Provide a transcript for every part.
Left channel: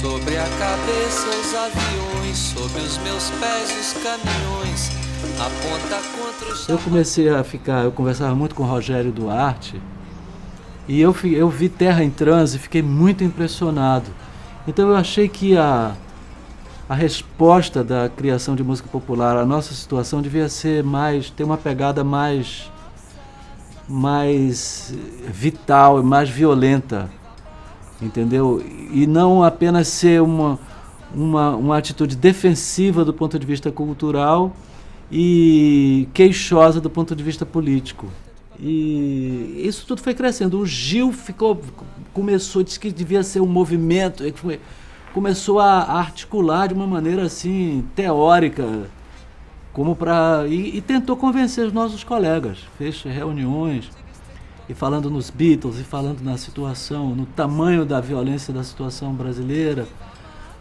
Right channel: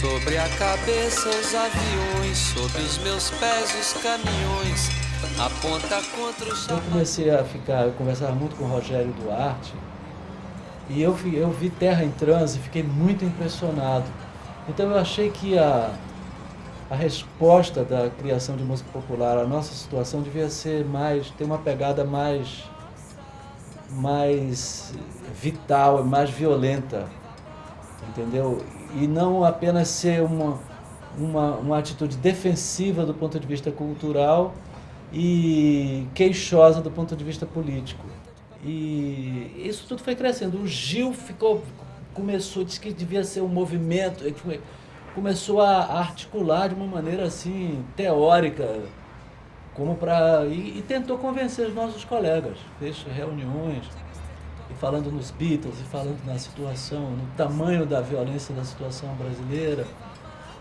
Sobre a cabeça os aviões, sob os meus pés os caminhões, aponta contra o chão. Eu conversava muito com o Rogério Duarte, e eu vi Terra em Transe e fiquei muito impressionado. Então eu achei que a resposta da criação de música popular à nossa situação devia ser ter uma pegada mais vital e mais violenta, entendeu? E não apenas ser uma atitude defensiva do ponto de vista cultural e queixosa do ponto de vista político. E isso tudo foi crescendo. O Gil disse que devia ser um movimento, começou a articular de uma maneira assim teórica, e tentou convencer os nossos colegas. Fez reuniões e falando nos Beatles e falando na situação, no tamanho da violência da situação brasileira,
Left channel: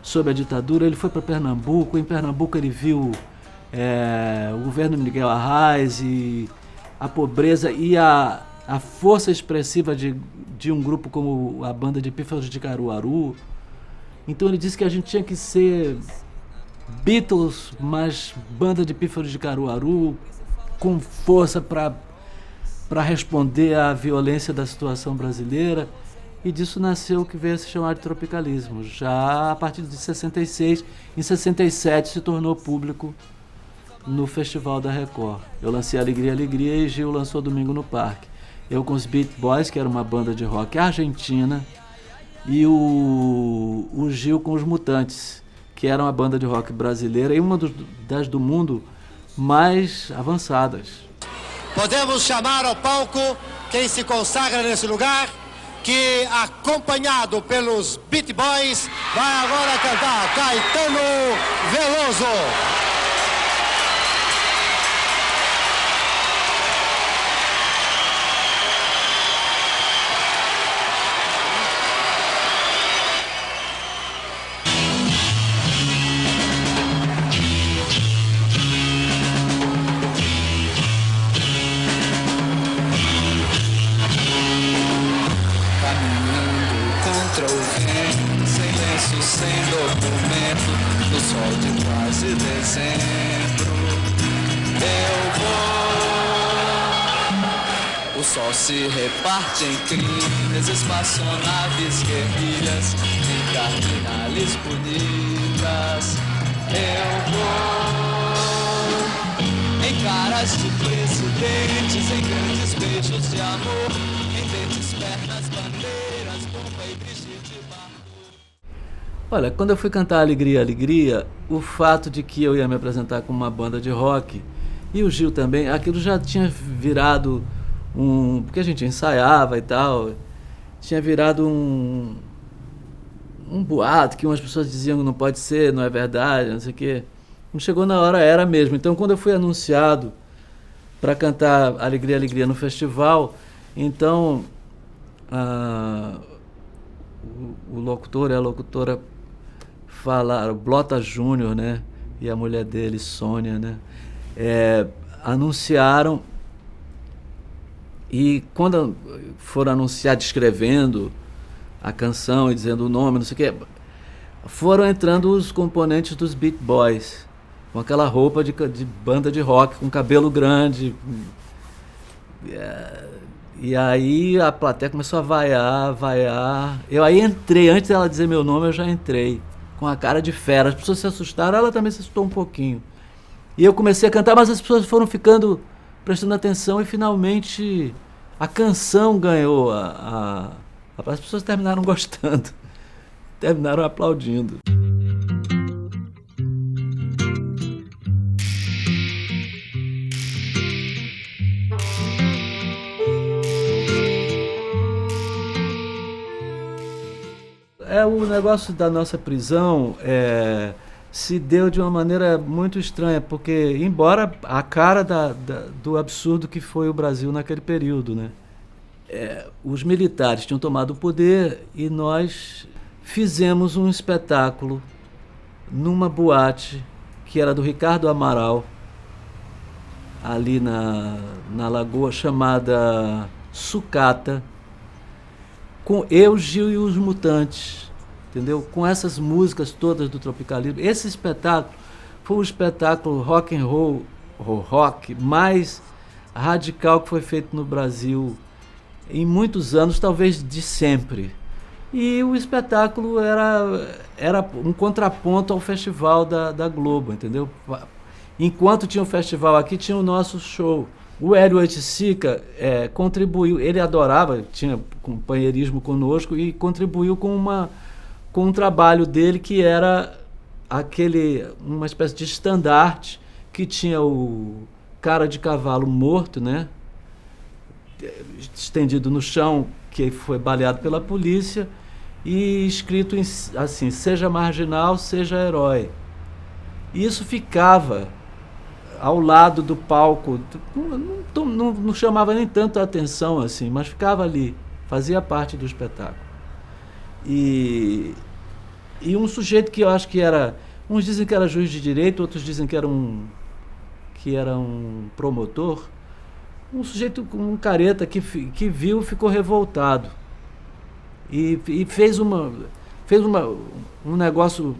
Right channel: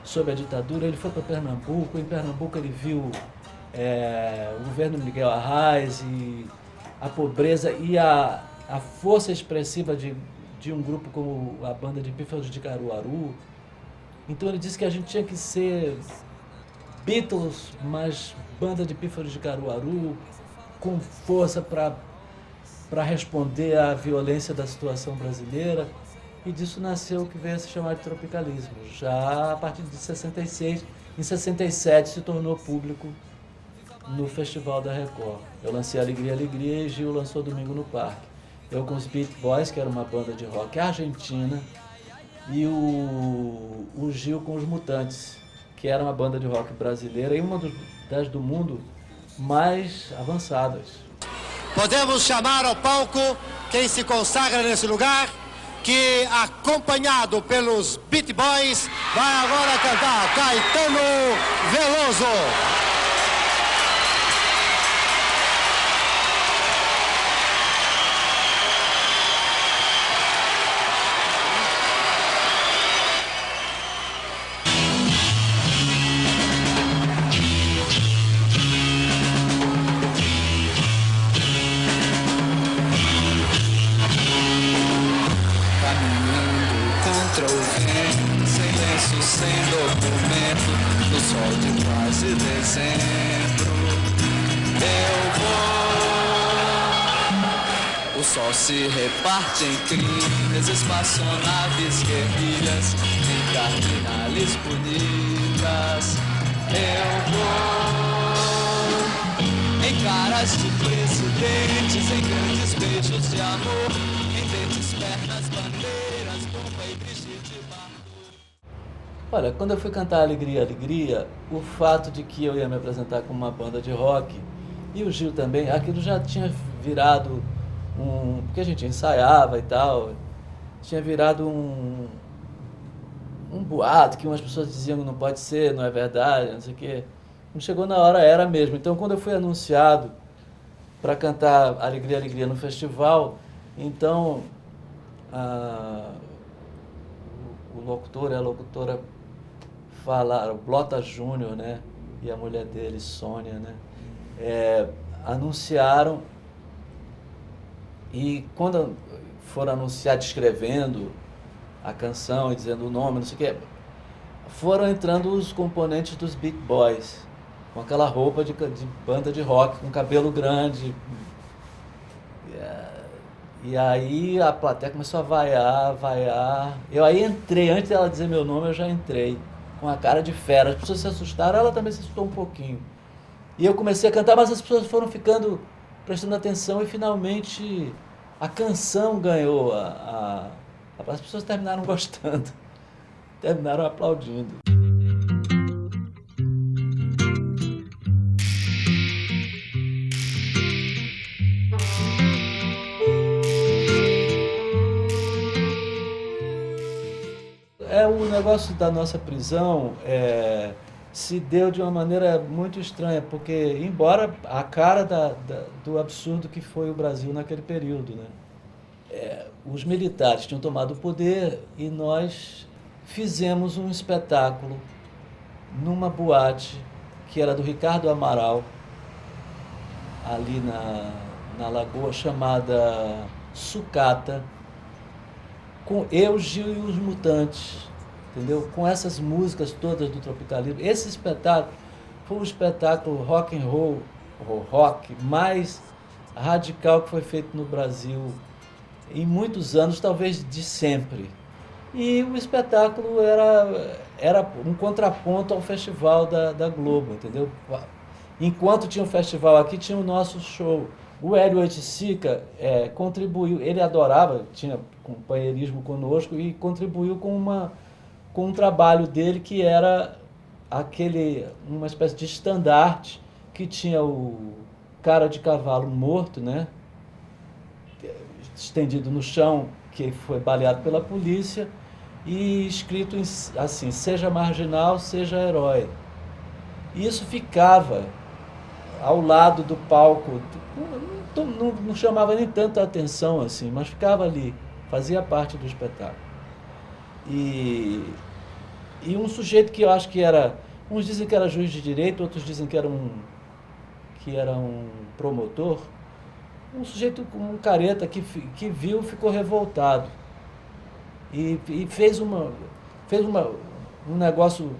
sob a ditadura. Ele foi para Pernambuco. Em Pernambuco ele viu o governo de Miguel Arraes e a pobreza e a força expressiva de um grupo como a banda de Pífaros de Caruaru. Então ele disse que a gente tinha que ser Beatles, mas banda de Pífaros de Caruaru, com força para responder à violência da situação brasileira. E disso nasceu o que veio a se chamar de tropicalismo. Já a partir de 66, em 67 se tornou público no Festival da Record. Eu lancei Alegria, Alegria e Gil lançou Domingo no Parque. Eu com os Beat Boys, que era uma banda de rock argentina, e o Gil com os Mutantes, que era uma banda de rock brasileira e uma das do mundo mais avançadas. Podemos chamar ao palco quem se consagra nesse lugar, que, acompanhado pelos Beat Boys, vai agora cantar Caetano Veloso. Sem documento, no sol de quase dezembro, eu vou. O sol se reparte em crimes, espaçonaves, guerrilhas, em cardinales bonitas. Eu vou em caras de presidentes, em grandes beijos de amor, em dentes, pernas, bandeiras, bomba e Brigitte Bardot. Olha, quando eu fui cantar Alegria, Alegria, o fato de que eu ia me apresentar com uma banda de rock, e o Gil também, aquilo já tinha virado porque a gente ensaiava e tal, tinha virado um boato, que umas pessoas diziam que não pode ser, não é verdade, não sei o quê. Quando chegou na hora, era mesmo. Então, quando eu fui anunciado para cantar Alegria, Alegria no festival, então o locutor e a locutora falaram, Blota Júnior, né, e a mulher dele, Sônia, né, anunciaram, e quando foram anunciar descrevendo a canção e dizendo o nome, não sei o que, foram entrando os componentes dos Beat Boys, com aquela roupa de banda de rock, com cabelo grande. E aí a plateia começou a vaiar. Eu aí entrei, antes dela dizer meu nome, eu já entrei, com a cara de fera. As pessoas se assustaram, ela também se assustou um pouquinho. E eu comecei a cantar, mas as pessoas foram ficando, prestando atenção, e finalmente a canção ganhou. As pessoas terminaram gostando, terminaram aplaudindo. O negócio da nossa prisão se deu de uma maneira muito estranha, porque, embora a cara do absurdo que foi o Brasil naquele período, né? Os militares tinham tomado o poder e nós fizemos um espetáculo numa boate que era do Ricardo Amaral, ali na Lagoa, chamada Sucata, com eu, Gil e os Mutantes, entendeu? Com essas músicas todas do tropicalismo. Esse espetáculo foi o espetáculo rock and roll, rock mais radical que foi feito no Brasil em muitos anos, talvez de sempre. E o espetáculo era um contraponto ao festival da Globo, entendeu? Enquanto tinha o festival aqui, tinha o nosso show. O Hélio Oiticica contribuiu, ele adorava, tinha companheirismo conosco e contribuiu com um trabalho dele que era uma espécie de estandarte que tinha o cara de cavalo morto, né? Estendido no chão, que foi baleado pela polícia, e escrito assim: seja marginal, seja herói. E isso ficava ao lado do palco, não chamava nem tanto a atenção assim, mas ficava ali, fazia parte do espetáculo. E um sujeito que eu acho que era, uns dizem que era juiz de direito, outros dizem que era um promotor, um sujeito com um careta que viu, ficou revoltado e fez um negócio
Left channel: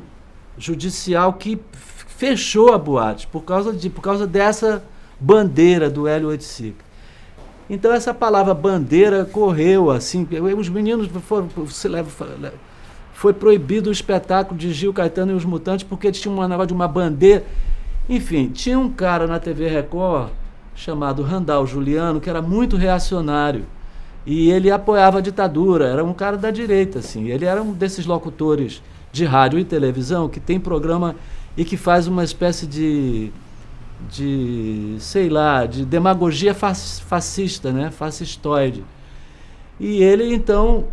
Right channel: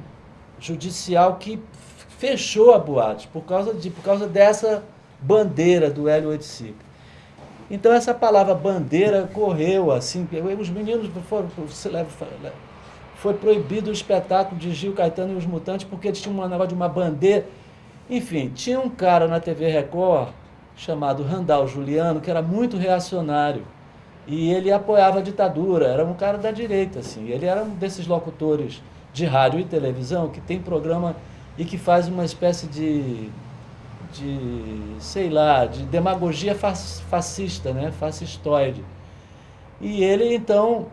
judicial que fechou a boate por causa dessa bandeira do Hélio Oiticica. Então essa palavra bandeira correu assim, os meninos foi proibido o espetáculo de Gil Caetano e os Mutantes porque eles tinham uma negócio de uma bandeira. Enfim, tinha um cara na TV Record chamado Randall Juliano, que era muito reacionário, e ele apoiava a ditadura, era um cara da direita, assim. Ele era um desses locutores de rádio e televisão que tem programa e que faz uma espécie de demagogia fascista, né? Fascistoide. E ele, então,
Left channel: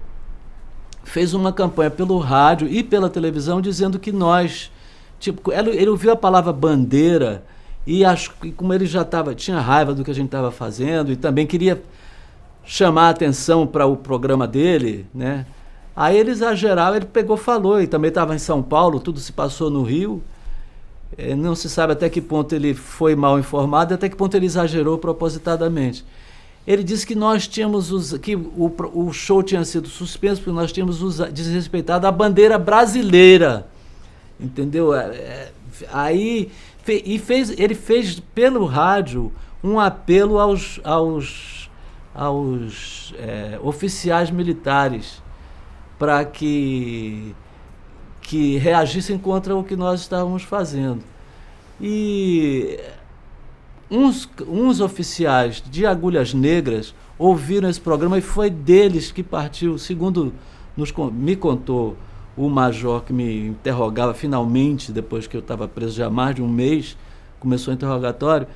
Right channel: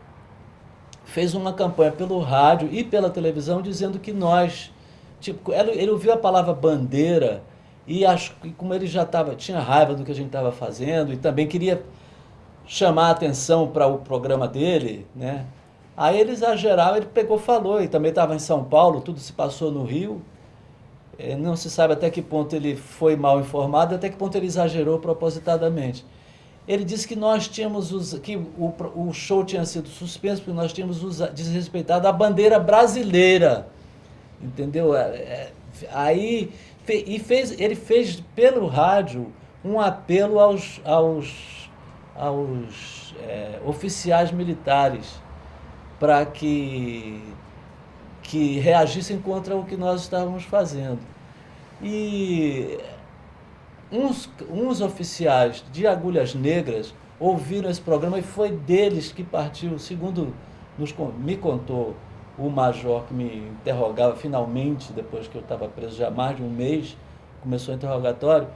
fez uma campanha pelo rádio e pela televisão dizendo que nós... ele ouviu a palavra bandeira e como ele já tinha raiva do que a gente estava fazendo e também queria chamar a atenção para o programa dele, né? Aí ele exagerava, ele falou, e também estava em São Paulo, tudo se passou no Rio. Não se sabe até que ponto ele foi mal informado, até que ponto ele exagerou propositadamente. Ele disse que nós tínhamos que o show tinha sido suspenso porque nós tínhamos desrespeitado a bandeira brasileira, entendeu? Aí ele fez pelo rádio um apelo aos oficiais militares para que reagissem contra o que nós estávamos fazendo. E uns oficiais de Agulhas Negras ouviram esse programa e foi deles que partiu, segundo me contou o major que me interrogava finalmente, depois que eu estava preso já há mais de um mês, começou o interrogatório,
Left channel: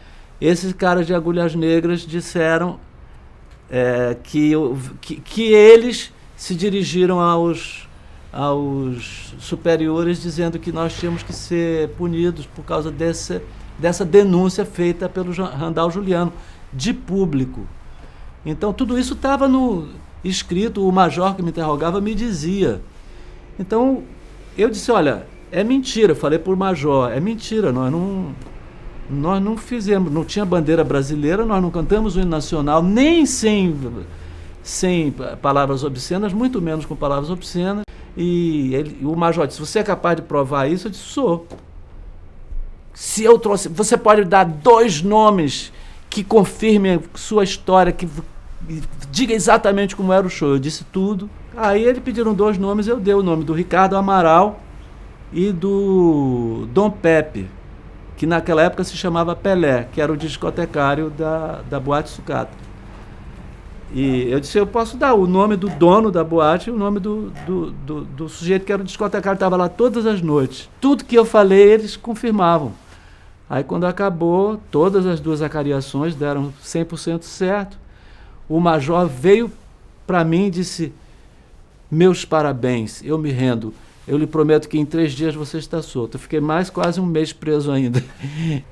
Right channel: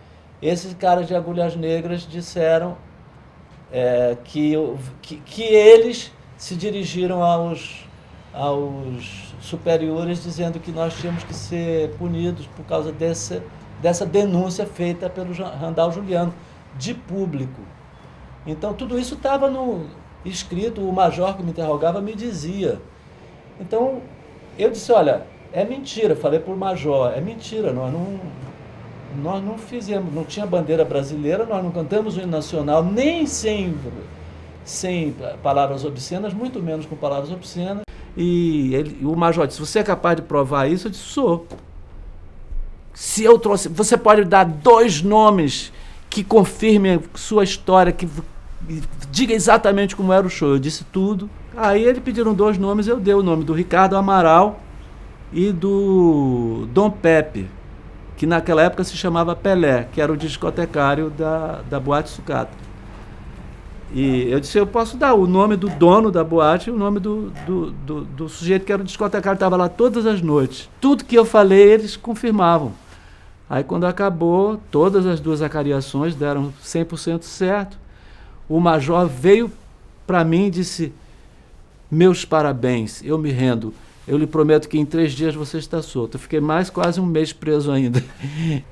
esses caras de Agulhas Negras disseram que eles se dirigiram aos superiores dizendo que nós tínhamos que ser punidos por causa dessa denúncia feita pelo Randall Juliano, de público. Então tudo isso estava escrito, o major que me interrogava me dizia. Então eu disse, olha, é mentira, falei para o major, é mentira, nós não fizemos, não tinha bandeira brasileira, nós não cantamos o hino nacional, nem sem palavras obscenas, muito menos com palavras obscenas. E o major disse, você é capaz de provar isso? Eu disse, sou. Se eu trouxe, você pode dar 2 nomes que confirmem sua história, que diga exatamente como era o show. Eu disse tudo. Aí eles pediram 2 nomes, eu dei o nome do Ricardo Amaral e do Dom Pepe, que naquela época se chamava Pelé, que era o discotecário da Boate Sucata. E eu disse, eu posso dar o nome do dono da boate e o nome do sujeito que era o discotecário, estava lá todas as noites. Tudo que eu falei, eles confirmavam. Aí quando acabou, todas as 2 acariações deram 100% certo. O major veio para mim e disse, meus parabéns, eu me rendo. Eu lhe prometo que em 3 dias você está solto. Eu fiquei mais quase um mês preso ainda.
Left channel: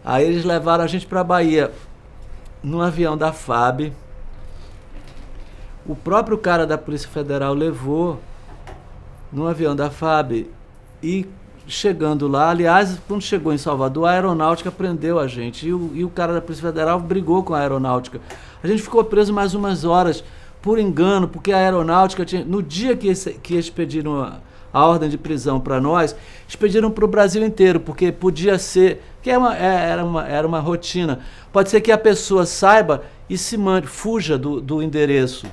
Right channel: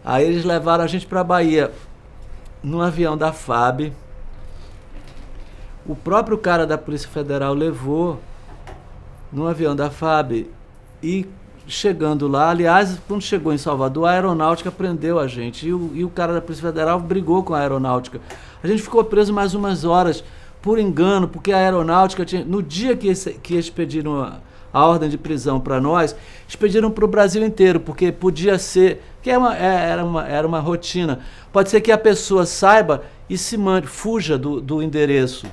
Aí eles levaram a gente para a Bahia, num avião da FAB. O próprio cara da Polícia Federal levou num avião da FAB e chegando lá, aliás, quando chegou em Salvador, a aeronáutica prendeu a gente e o cara da Polícia Federal brigou com a aeronáutica. A gente ficou preso mais umas horas por engano, porque a aeronáutica tinha, no dia que eles pediram a ordem de prisão para nós, eles pediram para o Brasil inteiro, porque podia ser, que era uma rotina, pode ser que a pessoa saiba e se mande, fuja do endereço,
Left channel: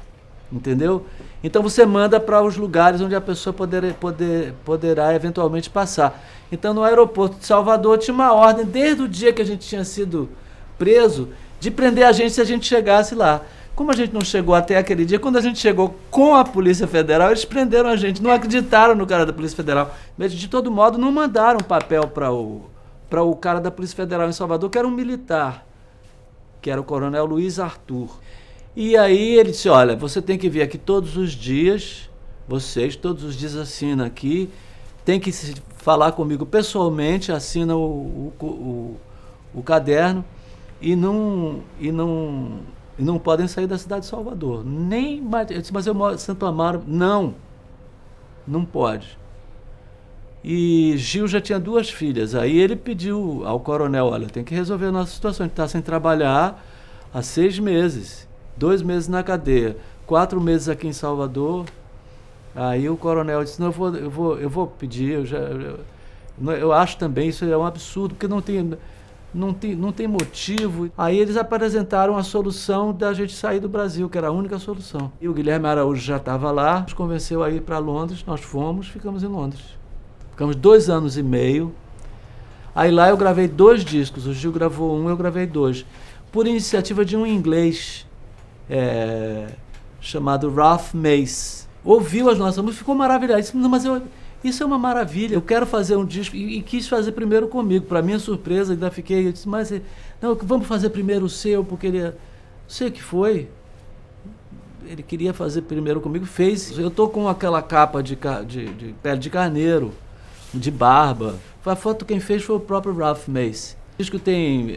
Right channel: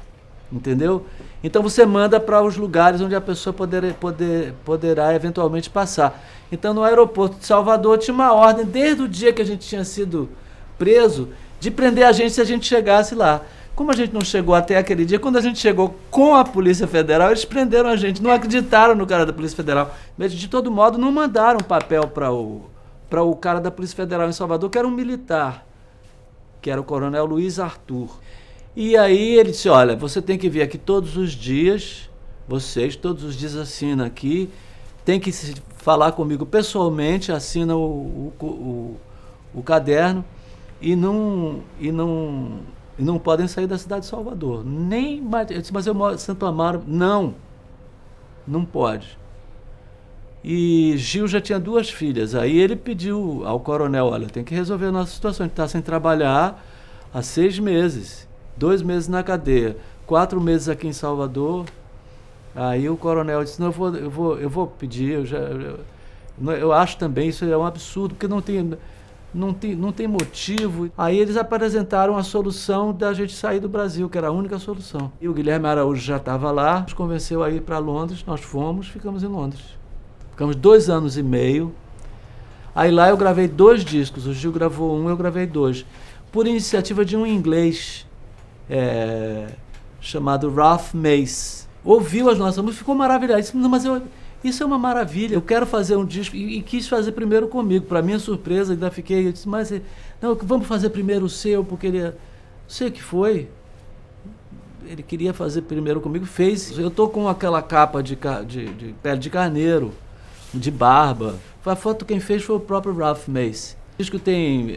entendeu? Então você manda para os lugares onde a pessoa poderá eventualmente passar. Então no aeroporto de Salvador tinha uma ordem, desde o dia que a gente tinha sido preso, de prender a gente se a gente chegasse lá. Como a gente não chegou até aquele dia, quando a gente chegou com a Polícia Federal, eles prenderam a gente, não acreditaram no cara da Polícia Federal. Mas, de todo modo, não mandaram papel para o cara da Polícia Federal em Salvador, que era um militar, que era o Coronel Luiz Arthur. E aí ele disse, olha, você tem que vir aqui todos os dias, vocês todos os dias assinam aqui, tem que falar comigo pessoalmente, assina o caderno e não podem sair da cidade de Salvador. Eu disse, mas eu moro em Santo Amaro. Não pode. E Gil já tinha 2 filhas. Aí ele pediu ao coronel, olha, tem que resolver a nossa situação. A gente está sem trabalhar há 6 meses. 2 meses na cadeia. 4 meses aqui em Salvador. Aí o coronel disse, não, eu vou pedir. Eu acho também, isso é um absurdo, porque não tem motivo. Aí eles apresentaram a solução da gente sair do Brasil, que era a única solução. E o Guilherme Araújo já estava lá, nos convenceu a ir para Londres, nós fomos, ficamos em Londres. Ficamos 2 anos e meio. Aí lá eu gravei 2 discos, o Gil gravou 1, eu gravei 2. Por iniciativa de um inglês chamado Ralph Mace. Ouviu as nossas músicas, ficou maravilhado. Disse, não, mas isso é uma maravilha, eu quero fazer um disco, e quis fazer primeiro comigo. Para minha surpresa, ainda fiquei, eu disse, mas não, vamos fazer primeiro o seu, porque ele, não sei o que foi, ele queria fazer primeiro comigo, fez. Eu tô com aquela capa de pele de carneiro, de barba. A foto quem fez foi o próprio Ralph Mace. O disco tem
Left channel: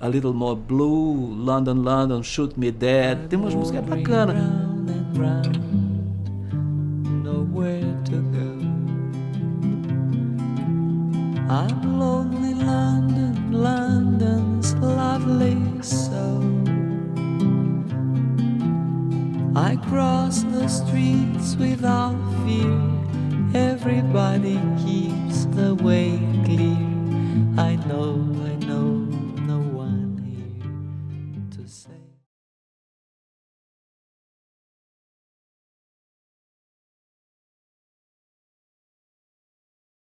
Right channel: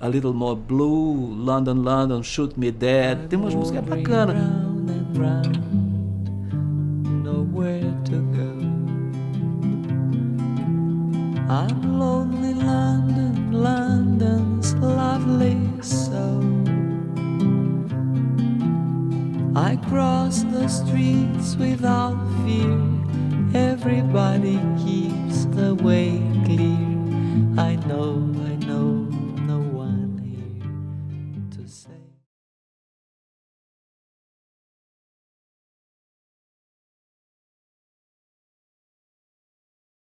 A Little More Blue, London, London, Shoot Me Dead, tem umas músicas bacanas. I'm lonely, London, London's lovely so. I cross the streets without fear. Everybody keeps the way.